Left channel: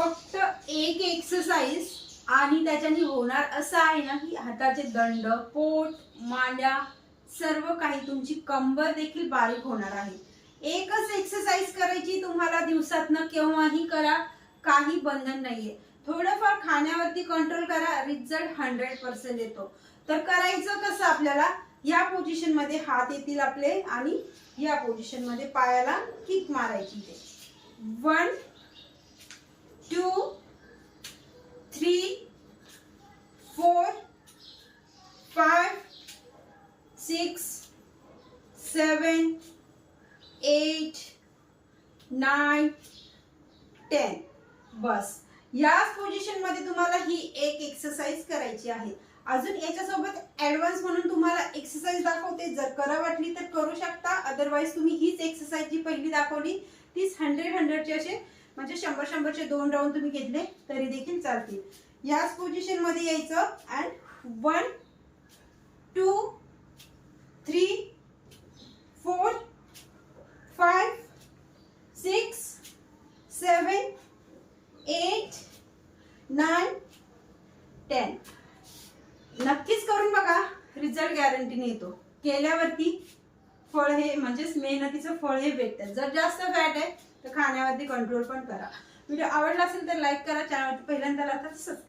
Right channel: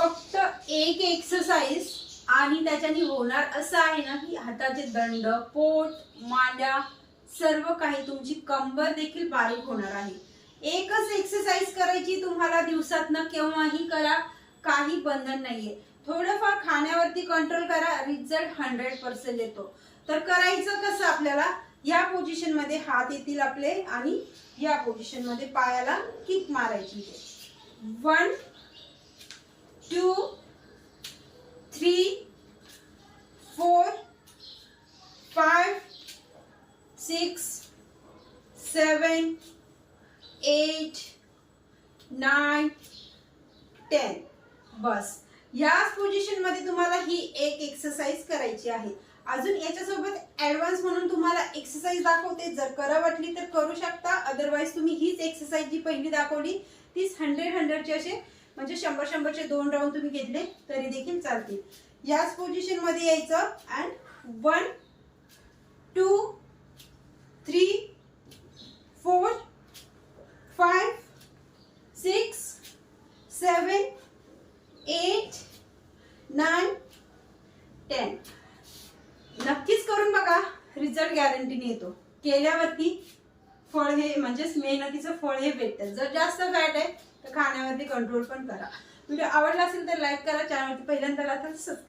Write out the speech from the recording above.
फक्त एक एक्सरसाइज आणि त्याच्याने होणार असं आहे ना की हाताचे दंड, पोट, मांड्या सर्व काही, तुमची कंबर देखील बारीक होणार आहे. एकच एक्सरसाइज करायची तुम्हाला दिवसातनं, केव्हाही करा, काही बंधन नाहीये. थोडंफार खाण्यावरती कंट्रोल करा, रिझल्ट 100% येतो. तर करायचं कसं आपल्याला, या पोझिशन मध्ये हात येतील आपले आणि या पोझिशन मध्ये पायाला किक मारायची. 1 2 3 4 5 6 7 8 9 10. बस याच पोझिशन मध्ये तुम्हाला ही एक एक्सरसाइज करायची आहे. अजून याच्यासोबत ऍडव्हान्स म्हणून तुम्हाला एक्सरसाइज दाखवते, जर करा वाटली तर करू शकता. अदरवाइज तुम्ही हीच एक्सरसाइज जी पहिली दाखवली तीच 100 चे असे म्हणजे 100 चे 2 राऊंड तुम्ही घेतले तरी देखील चालतील. याच पोझिशन मध्ये यायचं अँड 1 2 3 4 5 6 7 8 9 10. नक्कीच करून बघा, रिझल्ट गॅरंटीने येतो. केल्यावरती फळ हे म्हणजेच मेहनतीचं फळ हे भेटतं. जर जास्त फॅट आहे तर खाण्यावरती कंट्रोल पण करा. व्हिडिओ आवडला असेल तर लाईक करा, चॅनलवरती पहिल्यांदा आला तर